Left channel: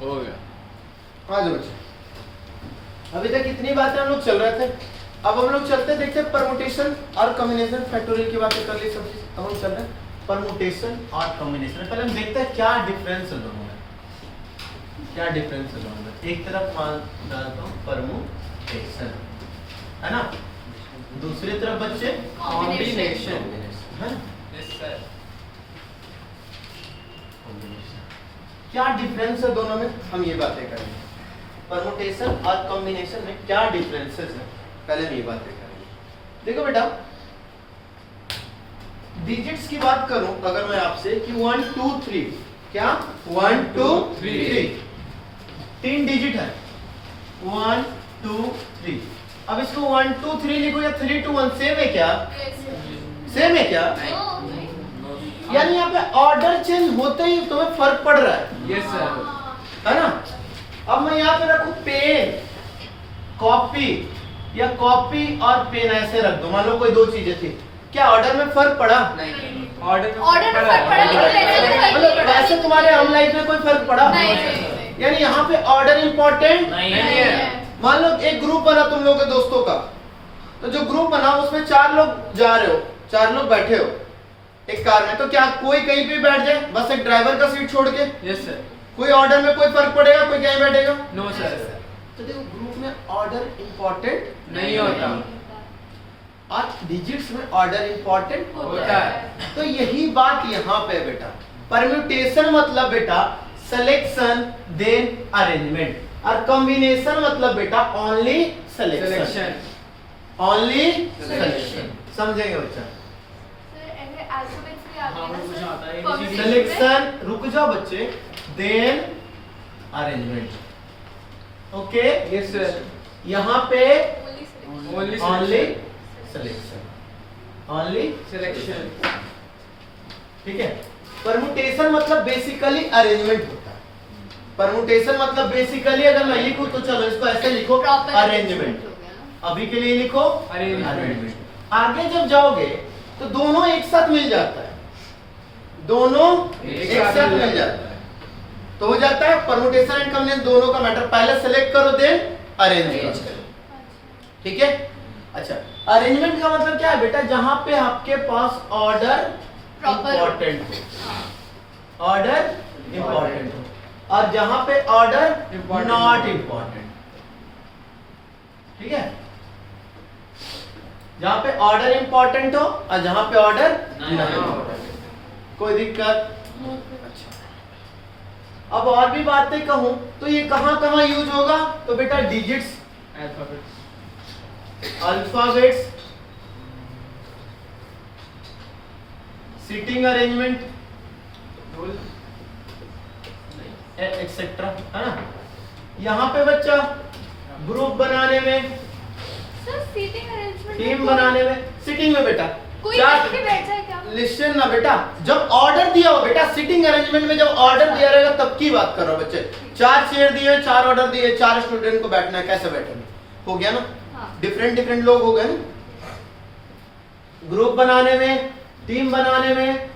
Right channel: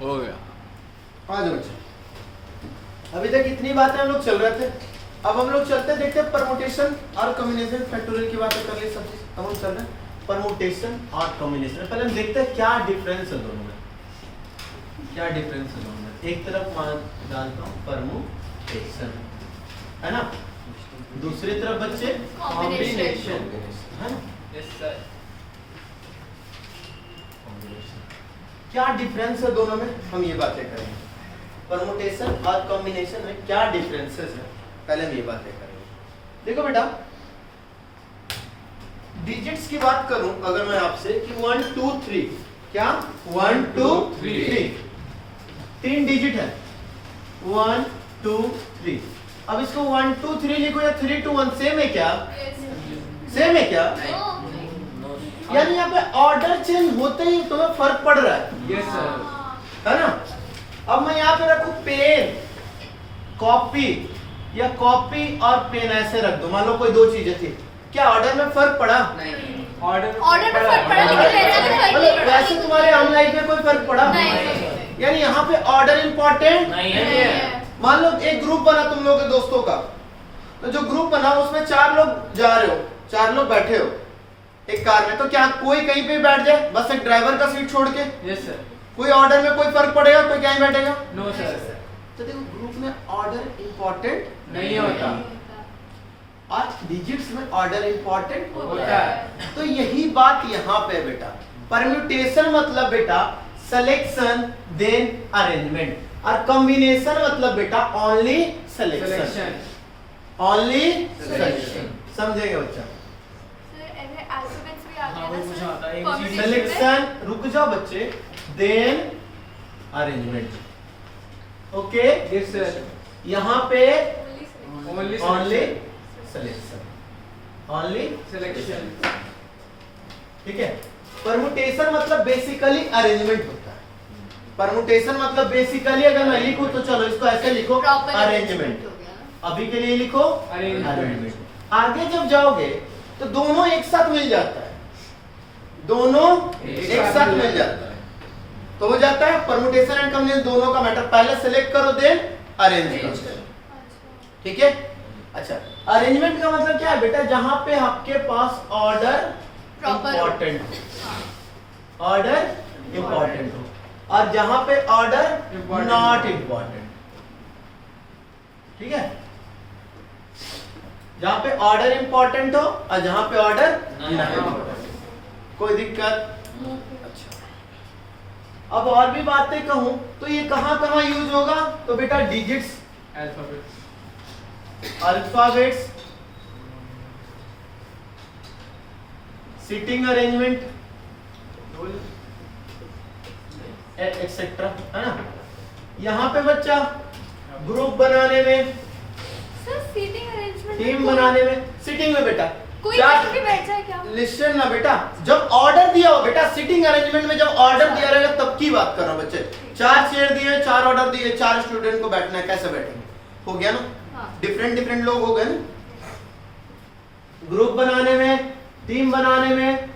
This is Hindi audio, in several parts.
हो गया। आ जाओ बच्चे। अभी तक इतनी बातें हम लोग चल रहे थे, अब हम लोग चलते देखते परमुटेशन और कॉम्बिनेशन फैक्टोरियल की बातें कर ली सब चीज। अब हम चल रहे हैं परमुटेशन और कॉम्बिनेशन। पहले हम देखते हैं क्या डिफरेंस है दोनों में, क्या डिफरेंस है दोनों में। एक तरफ मान डालता हूँ परमुटेशन है ना, दूसरी तरफ बच्चे कॉम्बिनेशन है ना। Yes sir. क्या डिफरेंस है दोनों में, हम ये बातें करेंगे। परमुटेशन और कॉम्बिनेशन में क्या डिफरेंसेस है, पहले हम ये बातें करेंगे। देखो बेटा, डिजिट्स की बात करूं अगर मैं आपसे कि 1 2 3, क्या 1 2 3 तीन डिजिट है 1 2 3। अब इसको 1 2 3 लिखो या 3 2 1 सेम है क्या, सेम है क्या? यानी यहाँ पे ऑर्डर चेंज होते ही तुम्हें फर्क पड़ रहा है। Yes sir. है ना। अब मैं यहाँ पे रखूं पेन कॉपी या कॉपी और पेन ऐसे रख दो, मान लो कोई दो चीजें थी, क्या ऑर्डर में फर्क पड़ा? नहीं। ऑर्डर में फर्क पड़ा, मतलब वैसे तुम्हारे आम लाइफ में कोई फर्क पड़ा? यानी यहाँ पे ऑर्डर इंपॉर्टेंट नहीं है। मान लो एक ग्रुप बना तुम लोगों के दोस्तों का, तो जो ग्रुप बना उसमें 4 लोग जा रहे हो, 4 लोग बैठे हो एक कार में, तो क्या कोई कहीं पे बैठ जाए बस एक ड्राइवर का सीट छोड़ के? Yes sir. कोई ऑर्डर में कोई फर्क पड़ेगा, कोई कहीं बैठेगा? No sir. तो देखो ग्रुप में ऑर्डर इंपॉर्टेंट नहीं होता। और डिजिट्स में ऑर्डर इंपॉर्टेंट होता है। तो यही बात यहाँ पे बेटा, परम्यूटेशन मतलब बेटा सिलेक्शन देन अरेंजमेंट, और कॉम्बिनेशन मतलब बेटा only selection, selection. Only selection. समझेंगे बच्चा? सिलेक्शन, रुक जाओ बच्चे, then arrangement. Okay yes sir. यहाँ पे only only selection, only selection. ठीक है। परमुटेशन मतलब बेसिकली अरेंजमेंट होता है। परमुटेशन मतलब बेसिकली अगर मैं लिखूं तो चलो इसको ऐसे लिखो अरेंजमेंट, अभी के लिए लिखो अरेंजमेंट। आगे जब जाओगे तो दोनों एक साथ मिल जाता है, दोनों एक साथ मिल जाता है, तो हो जाता है परमुटेशन एंड कॉम्बिनेशन दोनों का मैटर। पहले सेलेक्ट करो देन अरेंज करो, ठीक है। अच्छा, अरेंजमेंट का मतलब क्या है बेटा, जहां पे आपके पास ऑर्डर इंपॉर्टेंट हो, ऑर्डर इंपॉर्टेंट हो, और जहां पे ऑर्डर नॉट इंपॉर्टेंट, ठीक है। जहां पे ऑर्डर इंपॉर्टेंट हो और जहां पे ऑर्डर नॉट इंपॉर्टेंट, कोई दिक्कत? अच्छा, अब और भी बातें कहूं तो ये कहां कहां यूज होगा, तो बेटा digits, alphabets, seating arrangement etcetera, है ना। यहाँ पे बच्चा ग्रुप बनाने में, टीम बनाने में, सिटिंग में बेटा लिस्टन ना बेटा, जब ऑर्डर दिया हो बेटा, सिटिंग अरेंजमेंट में जब ऑर्डर दिया रहेगा तब की बात कर रहा हूं बच्चे। 4 चेयर दिए, 4 ऑर्डर दिए, 4 स्टूडेंट को बैठना है, कैसे बैठेंगे? हो गया ना, डिफरेंट डिफरेंट लोग हो गए ना। ग्रुप बनाने में, टीम बनाने में,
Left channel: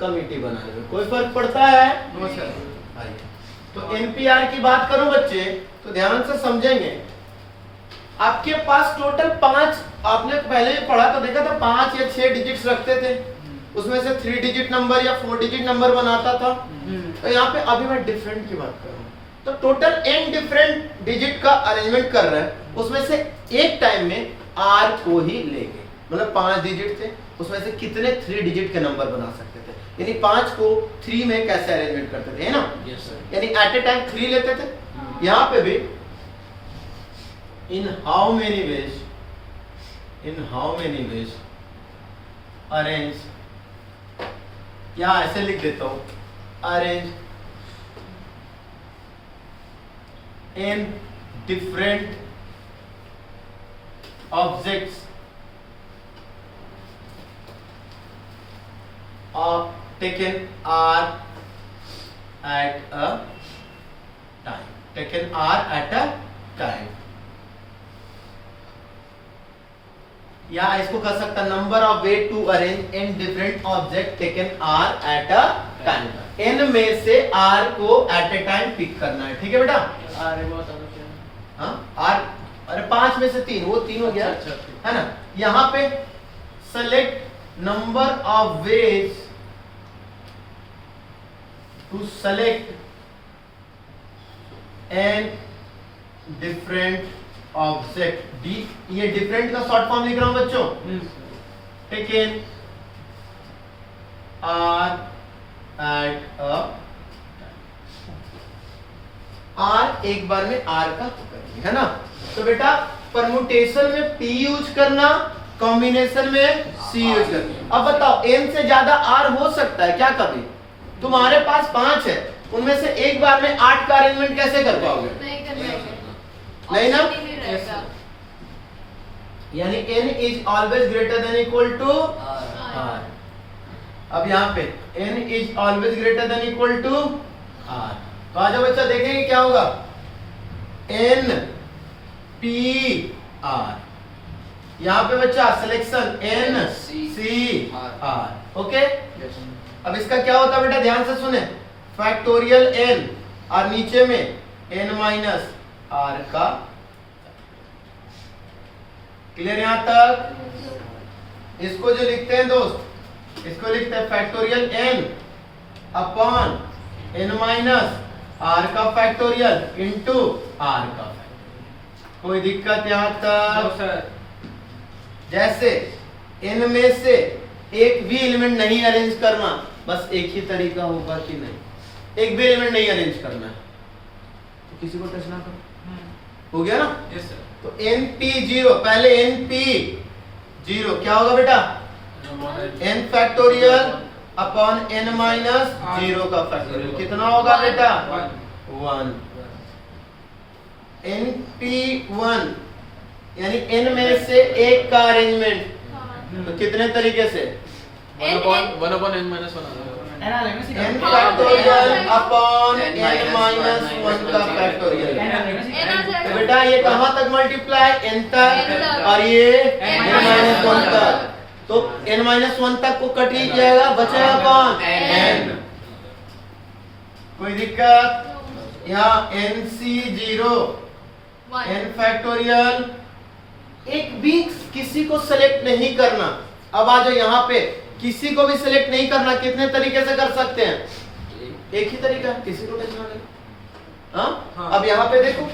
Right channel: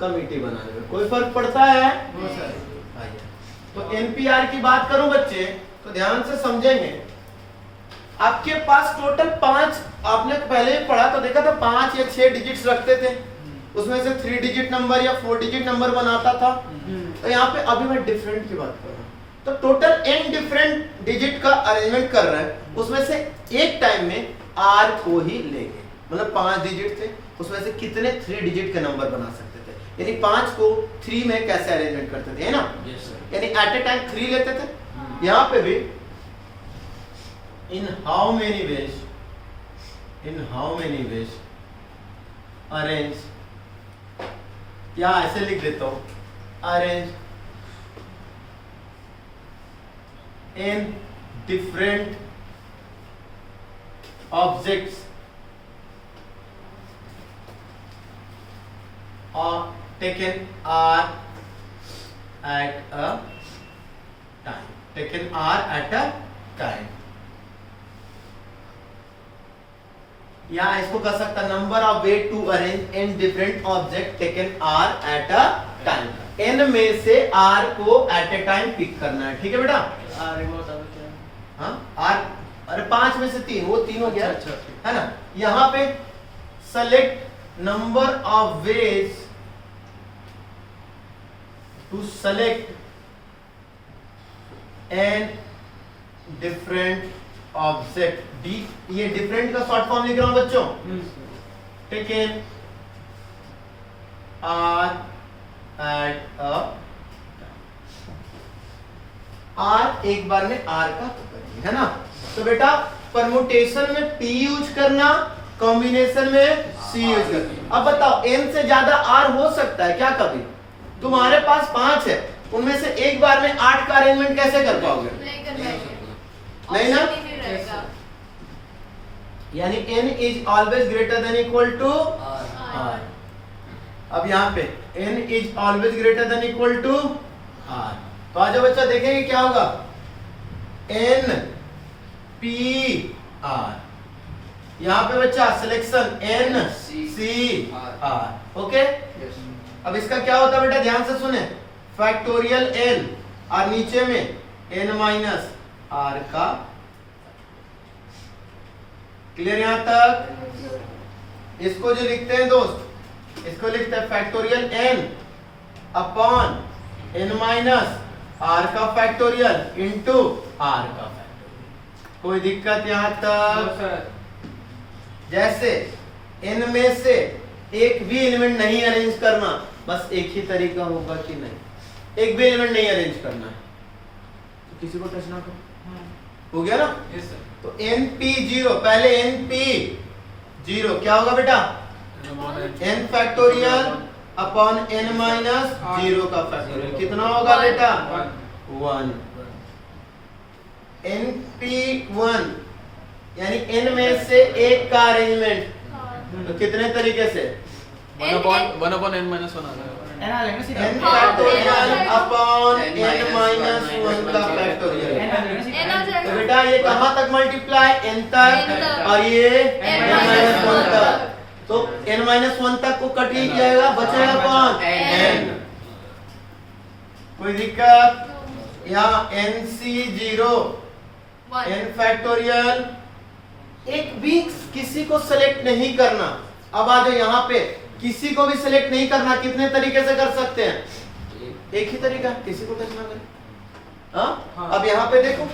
कमिटी बनाने में कोई फर्क पड़ता है? No sir. तो एनपीआर की बात करूं बच्चे तो ध्यान से समझेंगे। आपके पास टोटल 5, आपने पहले ही पढ़ा तो देखा था 5 या 6 डिजिट्स रखते थे, उसमें से 3 डिजिट नंबर या 4 डिजिट नंबर बनाता था। तो यहाँ पे अभी मैं डिफरेंट की बात कर रहा हूँ, तो टोटल n डिफरेंट डिजिट का अरेंजमेंट कर रहा है, उसमें से एक टाइम में r को ही लेंगे, मतलब 5 डिजिट थे, उसमें से कितने 3 डिजिट के नंबर बना सकते थे, यानी 5 को 3 में कैसे अरेंजमेंट करते थे, है ना। Yes sir. यानी एट ए टाइम 3 लेते थे। यहाँ पे भी in how many ways arrange, या ऐसे लिख देता हूं, arrange in different objects or taken R at a time, taken R at a time, या इसको कर सकता number of way to arrange in different object taken R at a time. n में से r को एट ए टाइम पिक करना है, ठीक है बेटा? आर को बता दो क्या? हाँ r, अरे 5 में से 3, वो 3 हो गया, अच्छा, है ना? यहाँ पे select number of ways to select N different object. D, ये डिफरेंट का शॉर्ट फॉर्म लिख रहा हूं बच्चों, taken R at a R, एक बार में आर का है ना? तो बेटा परमुटेशन में p यूज करना, कॉम्बिनेशन में c यूज करना। अब बताओ n से ज्यादा r हो सकता है क्या कभी? तुम्हारे पास 5 है, उनमें से एक बार में 8 का अरेंजमेंट कैसे कर पाओगे? नहीं ना? यानी n is always greater than equal to r। अब यहाँ पे n is always greater than equal to r। तो आज बच्चा देखेंगे क्या होगा, n p r। यहाँ पे बच्चा selection n c r, okay? अब इसका क्या होता है बेटा, ध्यान से सुने, फैक्टोरियल n और नीचे में n माइनस r का। क्लियर यहां तक? इसको जो लिखते हैं दोस्त, इसको लिखते हैं factorial n upon n minus r का फैक्टोरियल इंटू r का फैक्टोरियल। कोई दिक्कत यहां तक? जैसे n में से एक भी एलिमेंट नहीं अरेंज करना, बस एक ही तरीका होगा कि नहीं, एक भी एलिमेंट नहीं अरेंज करना है तो किसी को टच ना करो, हो गया ना? Yes sir. तो np0, पहले np0 क्या होगा बेटा, n factorial upon n minus 0 का फैक्टोरियल, कितना होगा बेटा? 1। np1 यानी n में से एक का अरेंजमेंट, तो कितने तरीके से? 1/n-1 n factorial upon n minus 1 का फैक्टोरियल। तो बेटा ये कहां तक मल्टीप्लाई, n तक, और ये n माइनस 1 तक। तो n माइनस 1 तक को कट लीजिएगा, बचेगा कौन? n। कोई दिक्कत? यहाँ nc0 n फैक्टोरियल, एक भी किसी को सिलेक्ट नहीं करना। अब आ जाओ यहाँ पे, किसी को भी सिलेक्ट नहीं करना, कितने तरीके से कर सकते हैं? एक ही तरीका, किसी को टच ना करें। हाँ? अब यहाँ पे देखो,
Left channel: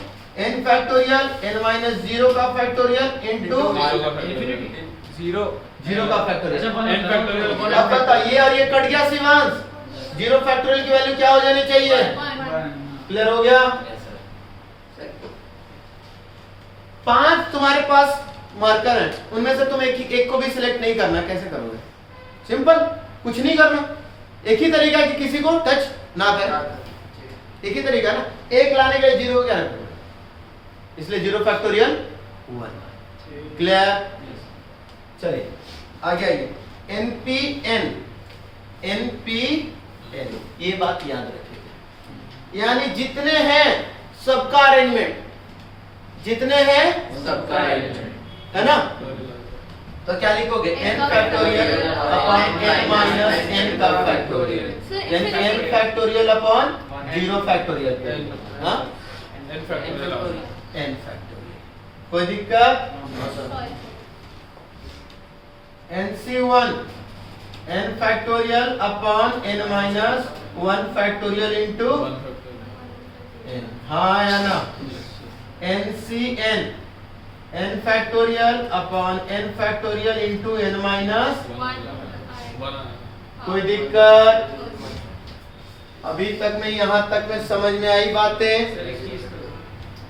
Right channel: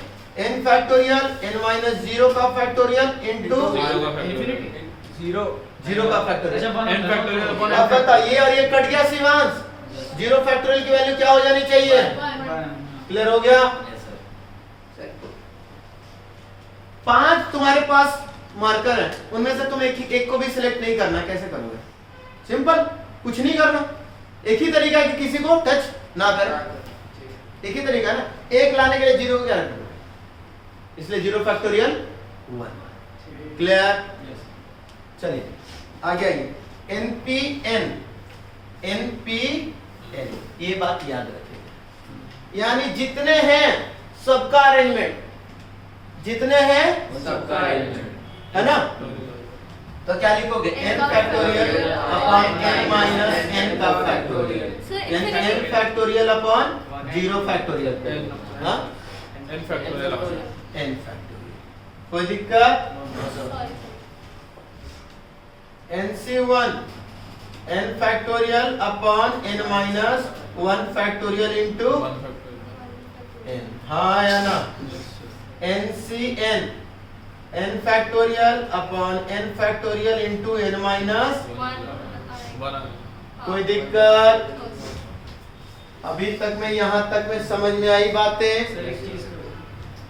n फैक्टोरियल n माइनस 0 का फैक्टोरियल इंटू 0 का फैक्टोरियल। अब बताइए, और ये कट गया शिवांश, 0 फैक्टोरियल की वैल्यू क्या हो जानी चाहिए? क्लियर हो गया? 5 तुम्हारे पास मार्कर है, उनमें से तुम एक को भी सिलेक्ट नहीं करना, कैसे करोगे? सिंपल, कुछ नहीं करना, एक ही तरीका है कि किसी को टच ना करें, एक ही तरीका ना। एक लाने के लिए 0 क्या रखोगे, इसलिए 0 फैक्टोरियल 1। क्लियर? चलिए आगे आइए, npn, ये बात याद रखिए, यानी जितने हैं सबका अरेंजमेंट, जितने हैं सबका है ना? तो क्या लिखोगे, n factorial upon n minus n का फैक्टोरियल, यानी n फैक्टोरियल अपॉन 0 फैक्टोरियल। हाँ, n फैक्टोरियल। n factorial. कोई दिक्कत? nc1 n factorial upon n minus 1 factorial into n। हाँ या ना? ncn n factorial upon n factorial into n minus. कोई दिक्कत? अभी तक में, यहाँ तक में समझ में आई बातें?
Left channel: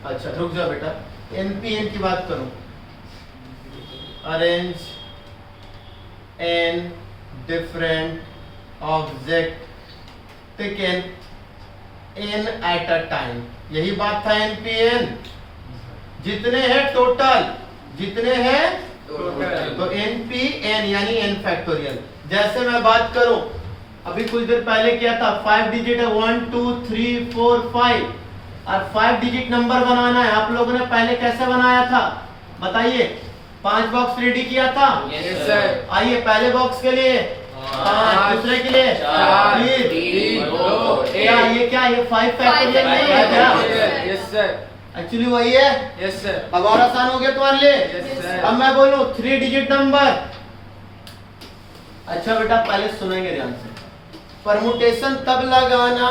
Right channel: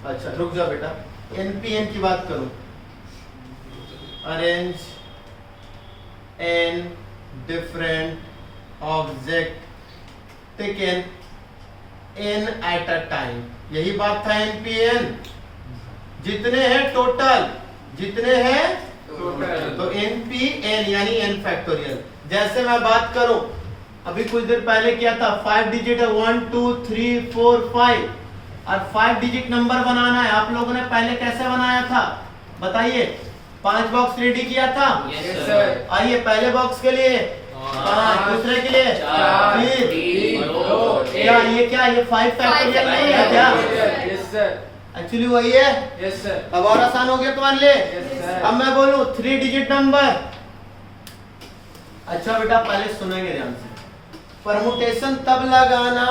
अच्छा रुक जाओ बेटा, npn की बात करूं, arrange n different object taken n eight a time, यही बात था npn। जितने हैं टोटल, जितने हैं तो npn यानी n फैक्टोरियल। जैसे मैं बात करूं, अभी कुछ देर पहले किया था, 5 डिजिट है, 1 2 3 4 5, और 5 डिजिट नंबर बनाना है। आप लोगों ने पहले कैसे बनाया था बताइए? 5 बॉक्स रेडी किया था। Yes sir. आइए पहले बॉक्स के लिए 5, दूसरे के लिए चार, फिर तीन, दो, क्या ये 5 फैक्टोरियल नहीं है क्या? यस सर, एक्चुअली वही है। यस सर, अब और आसान हो गया तुम्हारे लिए। Yes sir. अब मैं बोलूं 3 डिजिट नंबर। अच्छा बेटा पहले सुनेंगे ध्यान से। परमुटेशन तब लगाना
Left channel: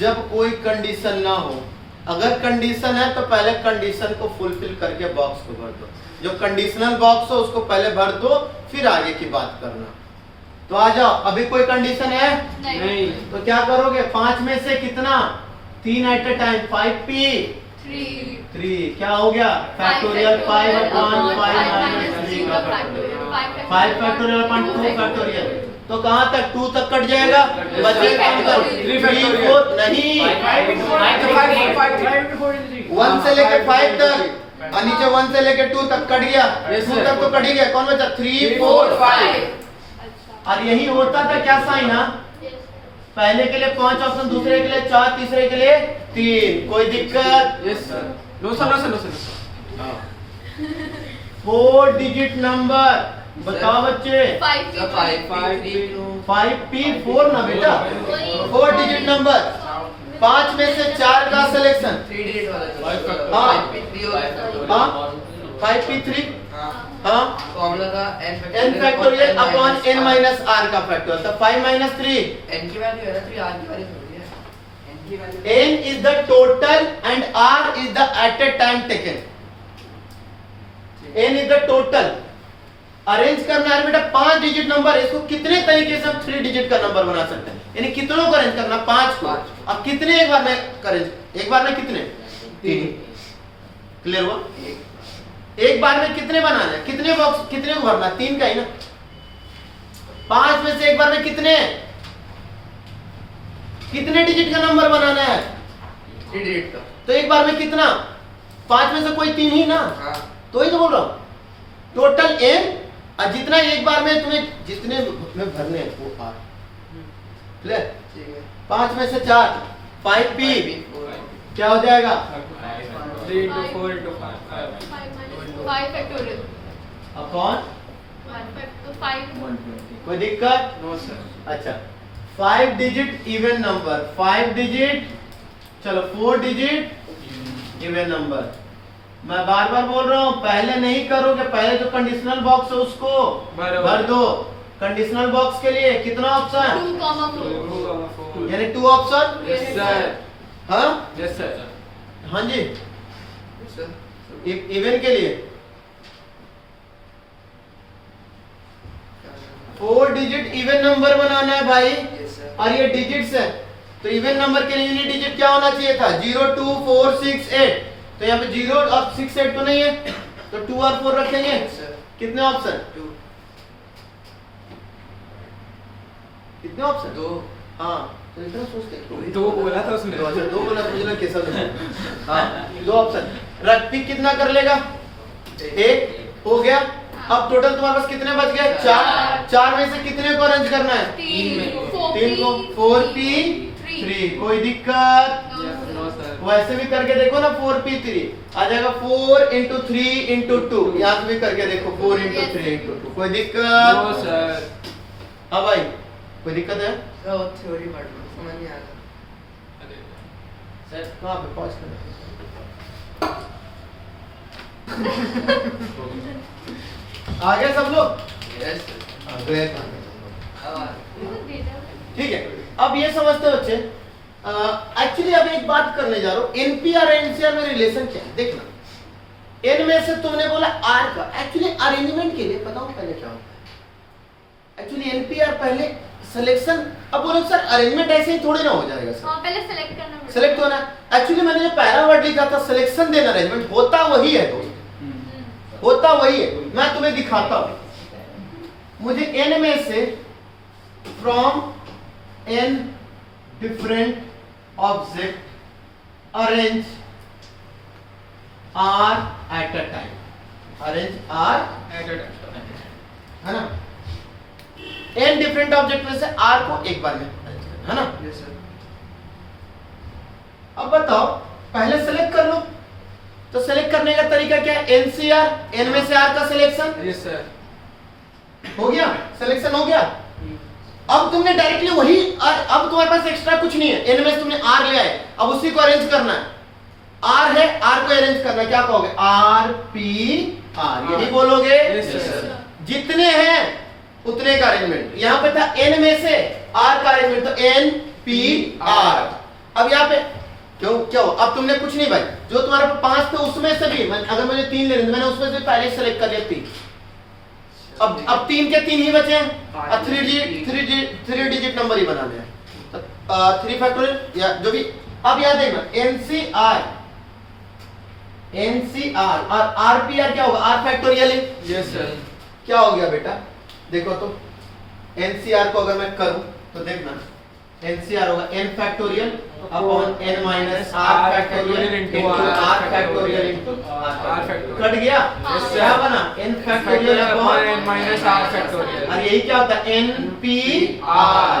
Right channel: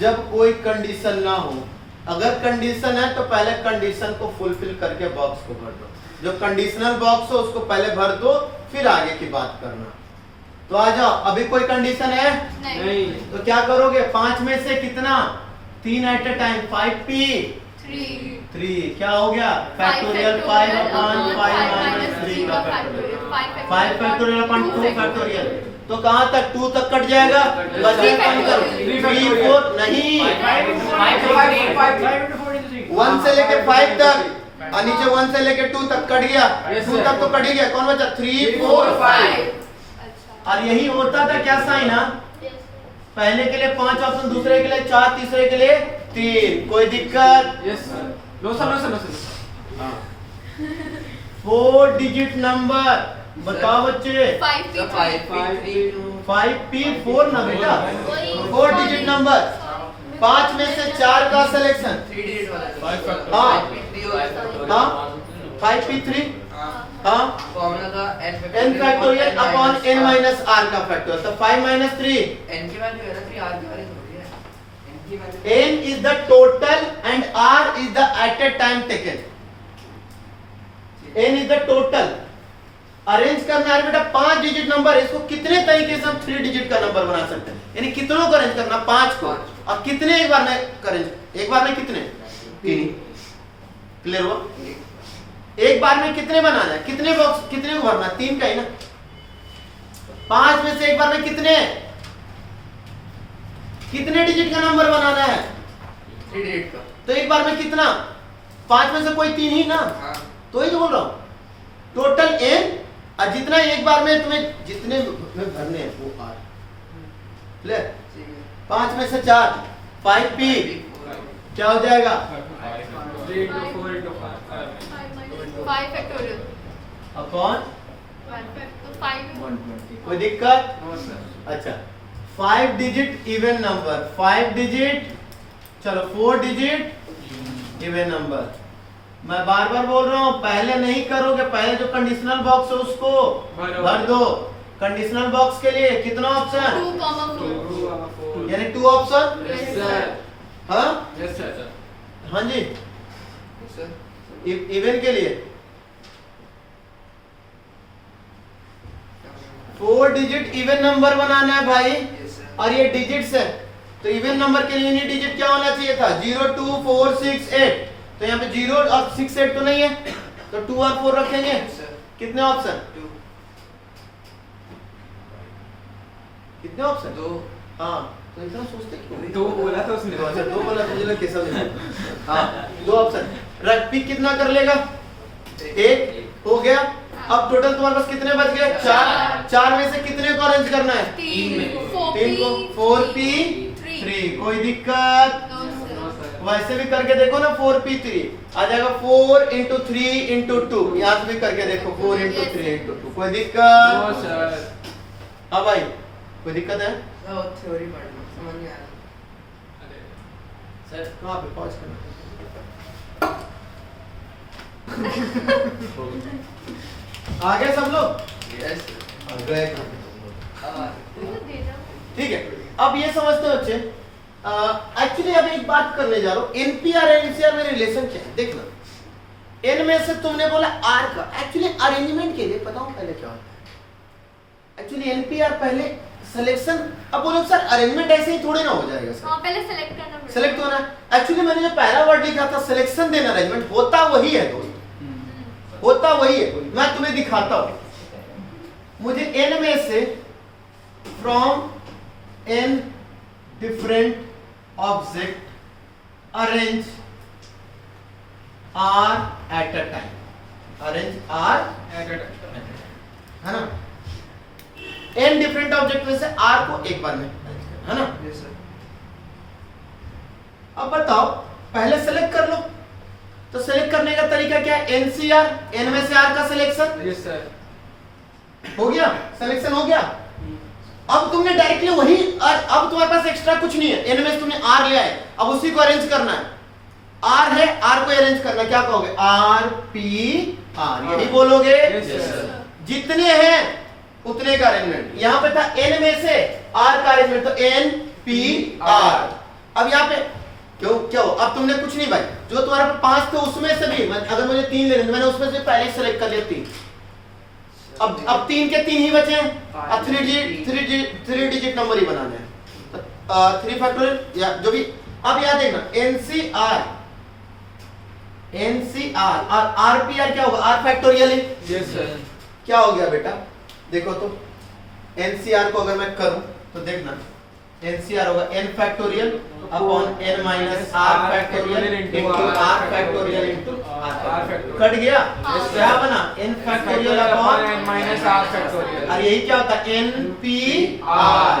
जब कोई कंडीशन ना हो। अगर कंडीशन है तो पहले कंडीशन को फुलफिल करके बॉक्स को भर दो। जो कंडीशनल बॉक्स हो उसको पहले भर दो, फिर आगे की बात करना। तो आ जाओ, अभी कोई कंडीशन है नहीं, तो क्या करोगे? 5 में से कितना? 3 एट ए टाइम। 5p 3 क्या हो गया? फैक्टोरियल 5 अपॉन 5 माइनस 3 का फैक्टोरियल 5 फैक्टोरियल अपॉन 2 फैक्टोरियल। तो कहां तक? 2 तक कट जाएगा। बचे कम करो 3 4 नहीं 1 से लेके 5 तक और नीचे 1 से लेके 2 तक कट गया। 2 तक तो कट ही गया। कौन बचा? 3 4 5। और यही होता था क्या साइन? पहले के लिए 5 ऑप्शन, दूसरे के लिए 4, तीसरे के लिए 3। कोई दिक्कत? Yes sir. No sir, no sir, no sir. 4 digit number बताओ बच्चे। 5p4 ना बेटा, 4 डिजिट नंबर। 5 में से 4 का सिलेक्शन। हाँ हाँ 5p3 हाँ n factorial upon n minus r का फैक्टोरियल। तो 5 minus 3 n is the total and r is the at a time taken. n is the total। Arrange करना है बेटा 5 डिजिट नंबर। इसको कितने तरीके से हम 3 डिजिट का नंबर बना सकते हैं? यानी कितनों को अरेंज करना? 5 को। अब कितने एक बार में करेंगे? एक बार में कितने? 3। क्लियर हुआ? एक बार में कितने बनाना है? कितने बॉक्स, कितने को भरना? 3 का ही ना। 5 में से एक बार में कितने डिजिट का नंबर बनाना है? 3 डिजिट का। तो एक बार में कितना? 5 में से कोई 3 ही ना। तो ही तो बोल रहा हूं टोटल n, और जितना एक बार में तुम्हें जितने में भरने हैं वो r। क्लियर? 5 में से 4 5p क्या हो जाएगा? 3 into 4 into 5 अपॉन 120। कोई दिक्कत? No sir. अच्छा 5 डिजिट इवन नंबर। 5 डिजिट, चलो 4 डिजिट इवन नंबर। मैं बार बार बोल रहा हूं पहले नहीं करोगे, पहले जो कंडीशनल बॉक्स है उसको भर दो। कंडीशनल बॉक्स के लिए कितना ऑप्शन? 2, यानी 2 ऑप्शन। यस सर, हाँ यस सर। हाँ जी। इवन के लिए 4 डिजिट इवन नंबर बनाना है भाई। और ये डिजिट्स है तो इवन नंबर के लिए यूनिट डिजिट क्या होना चाहिए था? 0 2 4 6 8। तो यहाँ पे 0 और 6 8 तो नहीं है, तो 2 और 4 रखेंगे। कितने ऑप्शन? कितने ऑप्शन? 2। हाँ तो इतना सोचते क्यों? 2 बोला था उसने। तो अच्छा 2 बोला, मुझे लगा कैसा लगा। हाँ 2 ऑप्शन रख। पिक कितना कर लेगा? 1 हो गया। अब टोटल तुम्हारे पास कितने बच गए? 4। 4 में से कितने को अरेंज करना है? 3 को। 4p3। कोई दिक्कत? वैसे भी करके देखो ना 4p3 आ जाएगा। 4 into 3 into 2। यहाँ से भी करके देखो 4 into 3 into 2। कोई दिक्कत? No sir. हाँ भाई कोई दिक्कत है? थ्योरी पढ़ लो, समझ नहीं आ रहा। सर कहाँ पे पॉज करना? आ गए सब लोग? यस आ गए। ठीक है, अब ये समझते हो बच्चे। एक्चुअली अब एक बात करने जा रहा हूं, एनपीआर और एनसीआर में रिलेशन क्या है देखना। एन में से तुमने बोला आर का। एक्चुअली अरेंजमेंट के लिए बताऊं पहले क्या होता है। एक्चुअली एनपीआर पहले सिलेक्शन। अब बोलो सर अरेंजमेंट ऐसे ही थोड़ी ना हो जाएगा सर। पहले सेलेक्ट करना पड़ेगा। सेलेक्ट होना। एक्चुअली मैंने जो पहला वर्ड लिखा था सिलेक्शन देन अरेंजमेंट, होता वही है दोस्त, होता वही है। मैं तुम्हें दिखाता हूं। मुझे एन में से from N different object arrange R at a time. Arrange R है ना। एन डिफरेंट ऑब्जेक्ट में से आर को एक बार में अरेंज करना है ना। Yes sir. अब बताओ पहले सेलेक्ट कर लो। तो सेलेक्ट करने का तरीका क्या है? एनसीआर, एन में से आर का सिलेक्शन यस सर। हो गया। सिलेक्शन हो गया। अब तुमने डायरेक्टली वही, अब तुम्हारे पास एक्स्ट्रा कुछ नहीं है, एन में से तुमने आर ले आए, अब उसी को अरेंज करना है। आर है, आर को अरेंज करना, क्या कहोगे? आर पी आर, यही बोलोगे। जितने हैं उतने का अरेंजमेंट। यहां पे था एन में से आर का अरेंजमेंट, तो एन पी आर। अब यहाँ पे क्यों क्या हो? अब तुमने कुछ नहीं भाई, जो तुम्हारे पास 5 थे उसमें से भी अगर मुझे 3 लेने थे, मैंने उसमें से पहले सेलेक्ट कर लिया 3। अब 3 के 3 ही बचे हैं, अब 3 डिजिट नंबर ही बनाने हैं, 3 फैक्टोरियल या जो भी। अब याद देखना एनसीआर और आरपीआर क्या होगा? आर फैक्टोरियल है। Yes sir. क्या हो गया बेटा? देखो तो एनसीआर को अगर मैं करूं तो देखना, एनसीआर होगा n factorial upon n minus r factorial into r factorial into r factorial. Cut गया? क्या बना? n factorial upon n minus r factorial. और यही क्या होता है? npr।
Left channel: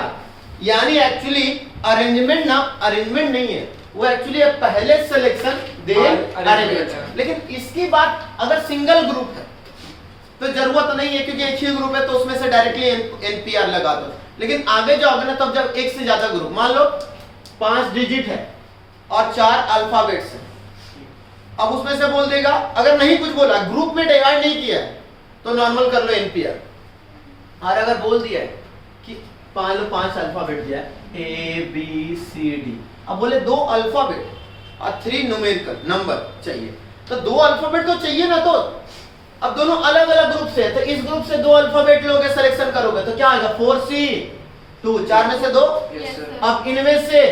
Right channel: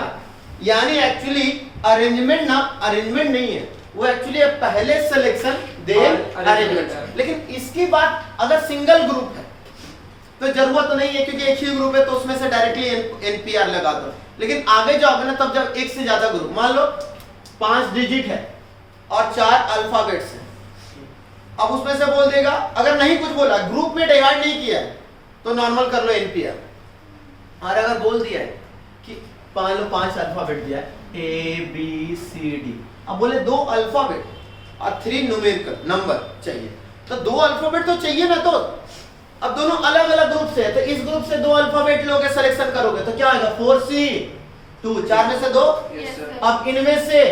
यानी एक्चुअली अरेंजमेंट ना, अरेंजमेंट नहीं है वो, एक्चुअली पहले सिलेक्शन देन अरेंजमेंट। लेकिन इसकी बात अगर सिंगल ग्रुप है तो जरूरत नहीं है, क्योंकि एक ही ग्रुप है तो उसमें से डायरेक्टली एनपीआर लगा दो। लेकिन आगे जाओगे ना, तब जब एक से ज्यादा ग्रुप, मान लो 5 डिजिट है और 4 अल्फाबेट्स हैं, अब उसमें से बोल देगा, अगर नहीं कुछ बोला, ग्रुप में डिवाइड नहीं किया है, तो नॉर्मल कर लो एनपीआर। और अगर बोल दिया है कि 5 अल्फाबेट दिया है ए बी सी डी, अब बोले 2 अल्फाबेट और 3 न्यूमेरिकल नंबर चाहिए, तो 2 अल्फाबेट तो चाहिए ना। तो अब दोनों अलग अलग ग्रुप से है, तो इस ग्रुप से 2 अल्फाबेट लोगे, सिलेक्शन करोगे तो क्या आएगा? 4C2, 4 में से 2। अब इनमें से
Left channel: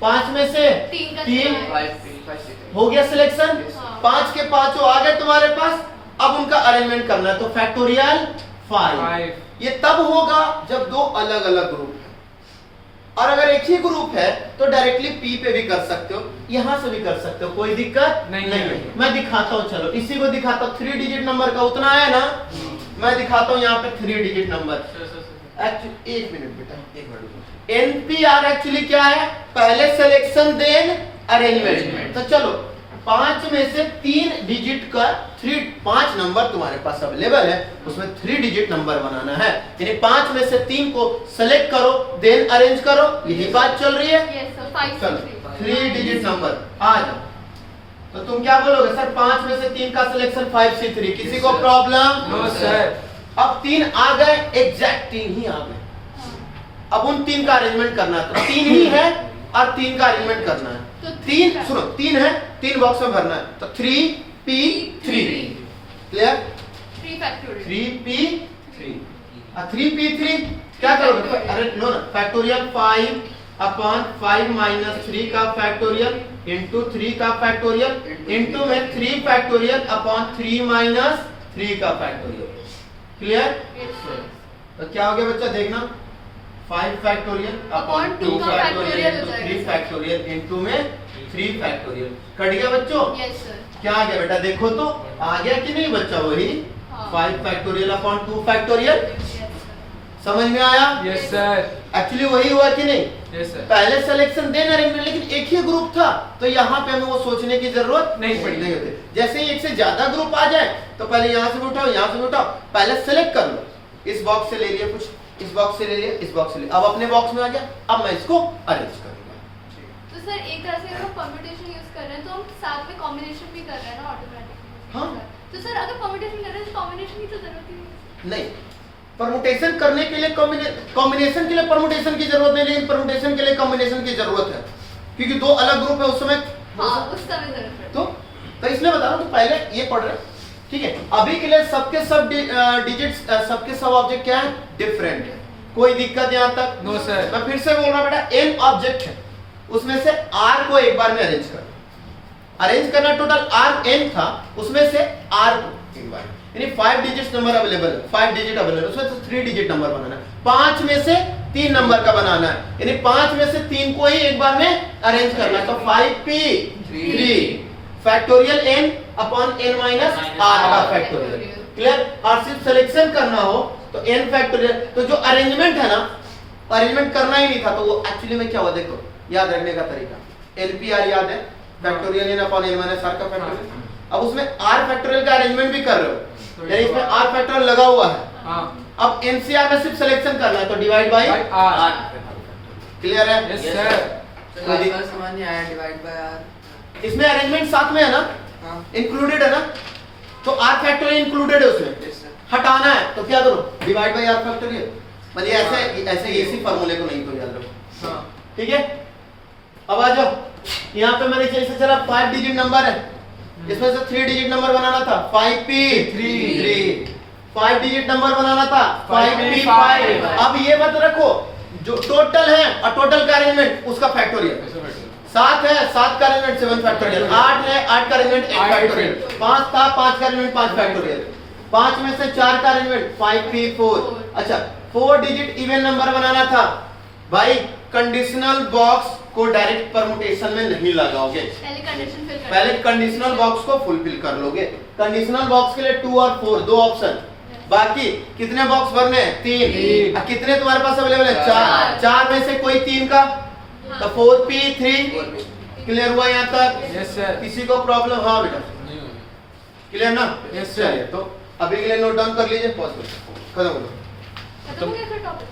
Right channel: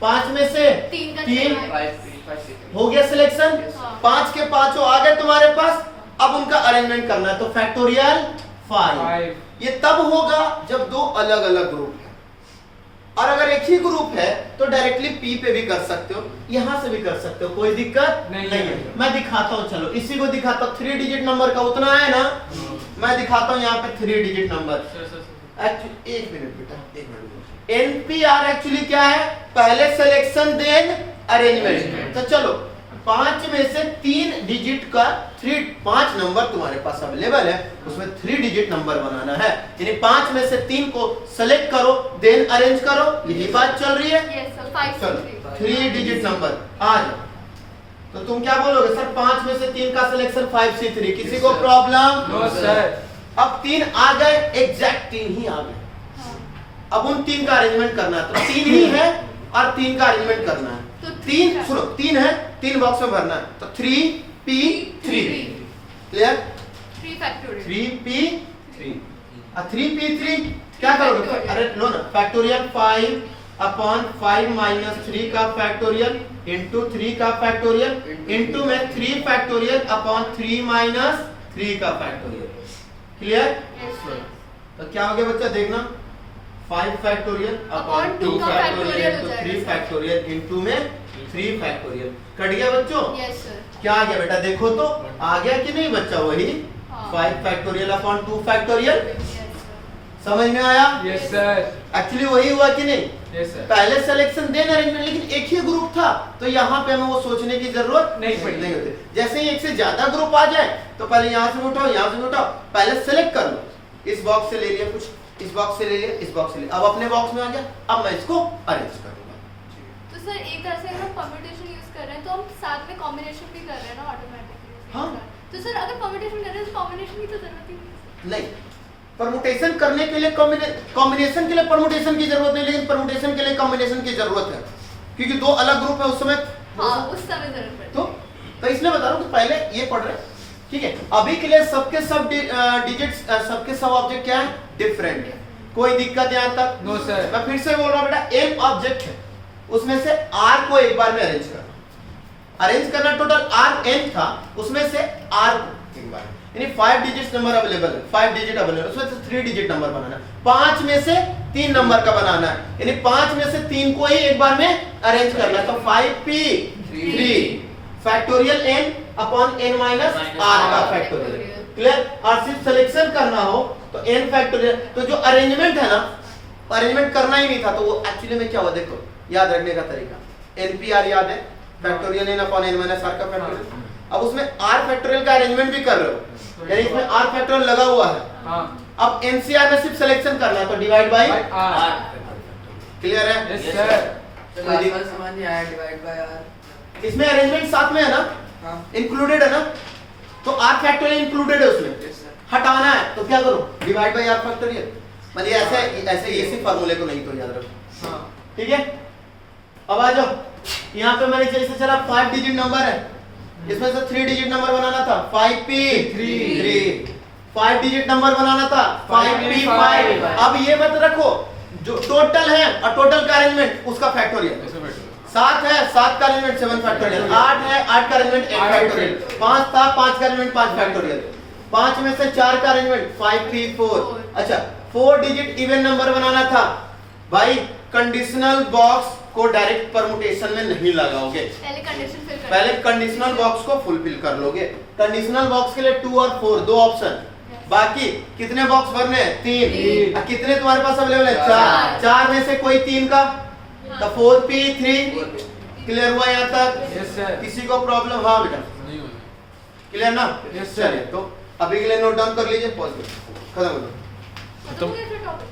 5 में से 3 हो गया सिलेक्शन, 5 के 5 आ गए तुम्हारे पास। अब उनका अरेंजमेंट करना है, तो फैक्टोरियल 5। ये तब होगा जब 2 अलग अलग ग्रुप है, और अगर एक ही ग्रुप है तो डायरेक्टली पी पे भी कर सकते हो, यहां से भी कर सकते हो, कोई दिक्कत नहीं है। मैं दिखाता हूं, चलो इसी को दिखाता हूं। 3 डिजिट नंबर का उतना है ना, मैं दिखाता हूं यहाँ पे 3 डिजिट नंबर। एक मिनट बेटा, एक मिनट। एनपीआर एक्चुअली क्या है? पहले सिलेक्शन देन अरेंजमेंट। तो चलो 5 में से 3 डिजिट का 5 नंबर तुम्हारे पास अवेलेबल है, उसमें 3 डिजिट नंबर बनाना है, यानी 5 में से 3 को सेलेक्ट करो देन अरेंज करो, यही बात चल रही है। चलो 3 डिजिट नंबर आ जाओ, तो तुम क्या बोलोगे? सर 5 में से 3 का सिलेक्शन 5C3, किसी को प्रॉब्लम? No sir. अब 3 आ गए, एग्जैक्ट 3 ही आ गए। अब उन 3 का अरेंजमेंट करना है, तो 3 ही है और 3 का अरेंजमेंट करना है। तो 3 सुनो, 3 है, 3 बॉक्स में भरना है, तो 3p3 क्लियर? 3p3 3p3 क्या करोगे? अरे लो ना, फैक्टोरियल 5 अपॉन 5 माइनस 3 का फैक्टोरियल इंटू 3 का फैक्टोरियल इंटू में 3 फैक्टोरियल अपॉन 3 माइनस 3 का फैक्टोरियल। क्लियर? तो क्या हो गया बच्चा? देखना 5 factorial upon 2 factorial into 3 factorial into में 3 फैक्टोरियल। कट गया बच्चों? Yes sir. क्या आ गया बेटा? देखो तो आ गया कि नहीं बच्चा? वही 5 फैक्टोरियल अपॉन 2 फैक्टोरियल। समझ में आया? Yes sir. एक्चुअली वही हुआ कि नहीं? Yes sir. पहले सिलेक्शन देन अरेंजमेंट, लेकिन एक ही ग्रुप था, तो यहाँ पे हमें वो सोचने की जरूरत नहीं पड़ी। नहीं होती। जैसे ही एक से ज्यादा ग्रुप आ जाए तो पहले यहाँ से भी उठाओ, यहाँ से भी उठाओ, पहले सेलेक्ट कर लो। इस बॉक्स से ले लिया कुछ, इस बॉक्स से ले लिया, इस बॉक्स से ले, अब अपने बॉक्स में आ गया, अब मैं इसको अरेंज करूंगा। तो सर एक तरह से हम परम्यूटेशन यूज कर रहे हैं, तो हम साथ में कॉम्बिनेशन भी कर रहे हैं ना ऑटोमेटिकली। हाँ। तो सर अगर परम्यूटेशन कर रहे हैं तो कॉम्बिनेशन की तो जरूरत ही नहीं, परमुटेशन करने के लिए कॉम्बिनेशन के लिए परमुटेशन की जरूरत नहीं, लेकिन परमुटेशन के लिए कॉम्बिनेशन की जरूरत है, क्योंकि 2 अलग ग्रुप है उस समय। हाँ, उस समय जरूरत है। तो इसलिए बता रहा हूँ कि पहले ये पढ़ रहे हैं, ठीक है? अभी के लिए सबके सब डिजिट्स, सबके सब ऑब्जेक्ट क्या है? डिफरेंट है। कोई दिक्कत यहाँ तक? No sir. मैं फिर से बोल रहा हूँ बेटा, n ऑब्जेक्ट है, उसमें से r को एक बार में अरेंज करना, टोटल r n था, उसमें से r को एक बार, यानी 5 डिजिट नंबर अवेलेबल है, 5 डिजिट अवेलेबल है, उसमें से 3 डिजिट नंबर बनाना है, 5 में से 3 नंबर का बनाना है, यानी 5 में से 3 को ही एक बार में अरेंज करना है, तो 5p3 factorial n upon n minus r का फैक्टोरियल। क्लियर? और सिर्फ सिलेक्शन करना हो तो n फैक्टोरियल। तो जो अरेंजमेंट है ना, अरेंजमेंट करना ही नहीं था, तो वो एक्चुअली में क्या हुआ? देखो याद रखने का तरीका, LPR याद है, factorial n upon n minus r का फैक्टोरियल। अब उसमें r फैक्टोरियल का अरेंजमेंट भी कर रहे हो, यानी इसमें r फैक्टोरियल लगा हुआ है, हाँ। अब एनसीआर में सिर्फ सिलेक्शन करना है तो डिवाइड बाय R. क्लियर है? Yes, sir. कोई दिक- आर समझ नहीं आया डिवाइड बाय आर। इसमें अरेंजमेंट साथ में है ना, हाँ इंक्लूडेड है ना, तो आर फैक्टोरियल इंक्लूडेड है उसमें। Yes sir. हटाना है तो क्या करो, डिवाइड बाय आर फैक्टोरियल। मतलब ऐसे इसी फार्मूले को नहीं तो याद रखो, हाँ. ठीक है? अब आ जाओ, यहाँ पे मैंने जैसे चला 5 डिजिट नंबर है, इसमें से 3 डिजिट नंबर बनाना था 5p3, 5 डिजिट नंबर बनाना था 5p5। अब ये मत रखो जो टोटल है और टोटल का अरेंजमेंट उसका फैक्टोरियल। ऐसे बैठो. 7 है 7 का अरेंजमेंट 7 फैक्टोरियल, 8 है 8 का अरेंजमेंट 8 फैक्टोरियल, 5 था 5 का अरेंजमेंट 5 फैक्टोरियल, 5 में से 4 का अरेंजमेंट 5p4। अच्छा 4 डिजिट इवन नंबर बनाना था भाई, कंडीशनल बॉक्स को डायरेक्ट परमुटेशन में नहीं लगाओगे, पहले कंडीशन फिल पहले कंडीशनल बॉक्स को फुलफिल कर लोगे। कंडीशनल बॉक्स के लिए 2 और 4 दो ऑप्शन, बाकी कितने बॉक्स भरने हैं 3, और कितने तुम्हारे पास अवेलेबल है 4, 4 में से कोई 3 का तो 4p3। क्लियर हुआ यहाँ तक? Yes, sir. किसी को प्रॉब्लम? हाँ बेटा नहीं हुई. क्लियर ना? Yes, sir. चलिए तो अभी के लिए नोट डाउन कर लीजिए, पॉज करो, खत्म करो। खत्म हो गया टॉपिक।